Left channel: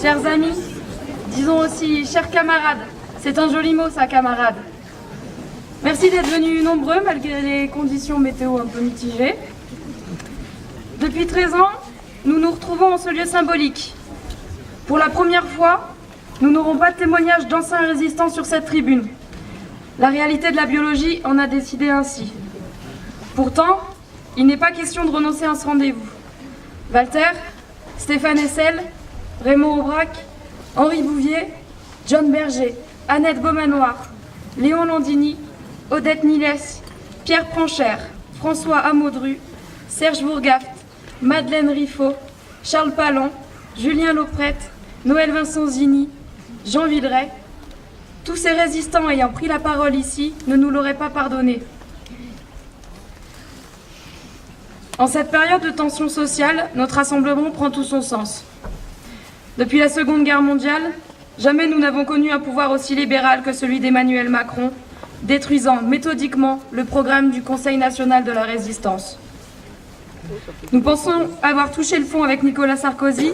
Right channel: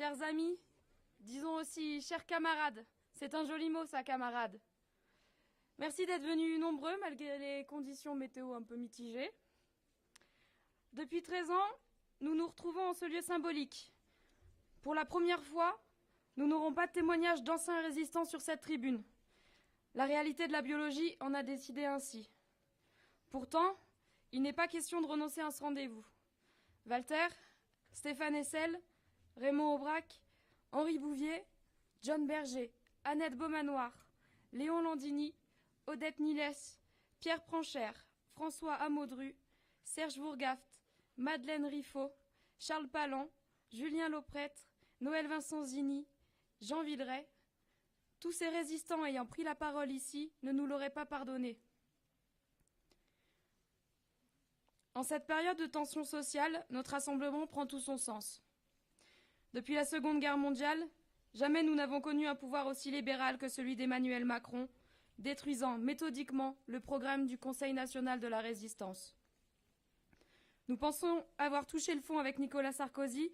chers amis, disons aussi chers camarades. C'est un joli mot ça, camarade. Merci d'être venus nombreux malgré les conditions météo un peu mitigées. Depuis 13 ans, nous nous retrouvons en ce lieu symbolique. Pour la première fois, nous n'aurons pas de témoignage d'anciens résistants sur cette tribune. La réalité de la biologie en a décidé ainsi. Pourtant, il n'est pas question de renoncer à ce rendez-vous. Walter, Stéphane Hessel, Raymond Aubrac, Henri Bouvier, John Berger, Annette Beaumanoir, Léon Landini, Odette Niles, Pierre Pranchère, François Amaudru, Serge Bourgaft, Madeleine Riffaut, Charles Palan, Julien Lauprette, Noël Vincent Zini, Jean Villeray. Tous ces résistants ayant pris la parole ici ne nous l'auraient pas pardonné. En cette période de tension sociale, notre rassemblement prend tout son sens. Depuis la Seconde Guerre mondiale, jamais nous n'avons connu un pouvoir aussi libéral que celui d'Emmanuel Macron, détruisant méthodiquement le programme du Conseil national de la résistance. Nous pensons avoir touché le fond avec Nicolas Sarkozy,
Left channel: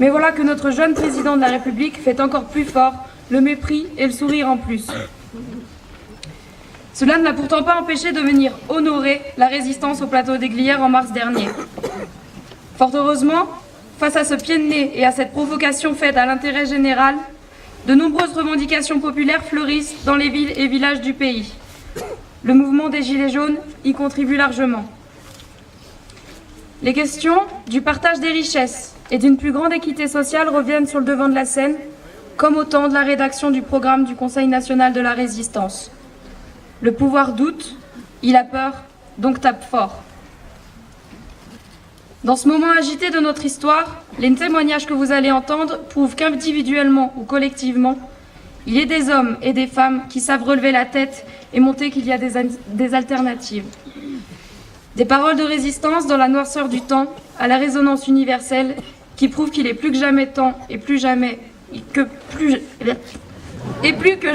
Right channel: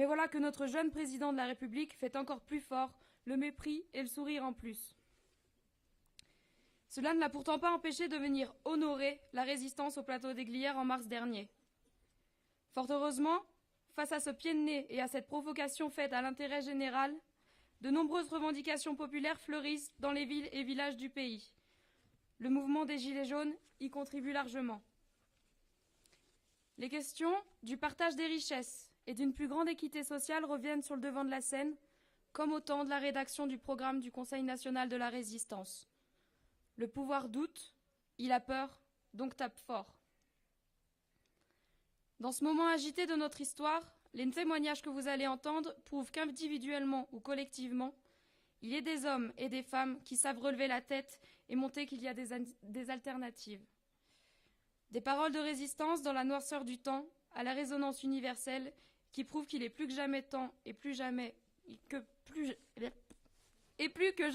mais voilà que notre jeune président de la République fait encore plus fort le mépris et le sourire en plus. Cela ne l'a pourtant pas empêché de venir honorer la résistance au plateau des Glières en mars dernier. Fort heureusement, face à ce pied de nez et à cette provocation faite à l'intérêt général, de nombreuses revendications populaires fleurissent dans les villes et villages du pays. Le mouvement des Gilets jaunes y contribue largement. Les questions du partage des richesses et d'une plus grande équité sociale reviennent sur le devant de la scène, comme au temps de la rédaction du programme du Conseil national de la résistance. Le pouvoir doute, il a peur, donc tape fort. Dans ce moment agité de notre histoire, les témoignages que vous allez entendre prouvent qu'individuellement ou collectivement, il y a des hommes et des femmes qui savent relever la tête et montrer qu'il y a des alternatives. Des paroles de résistance dans la noirceur du temps, à la résonance universelle, qui prouvent qu'il est plus que jamais temps et plus que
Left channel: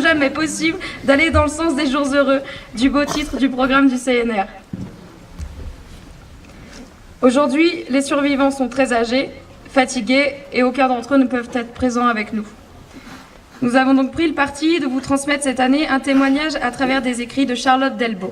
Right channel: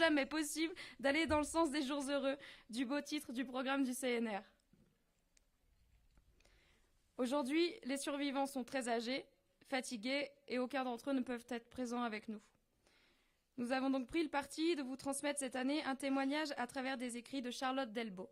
jamais possible d'aller dans le sens des jours heureux, du beau titre du programme du CNR. Aujourd'hui, les survivants sont très âgés, fatigués et aucun d'entre eux ne peuvent être présents avec nous. Nous avons donc pris le parti de vous transmettre cette année un témoignage à travers des écrits de Charlotte Delbo.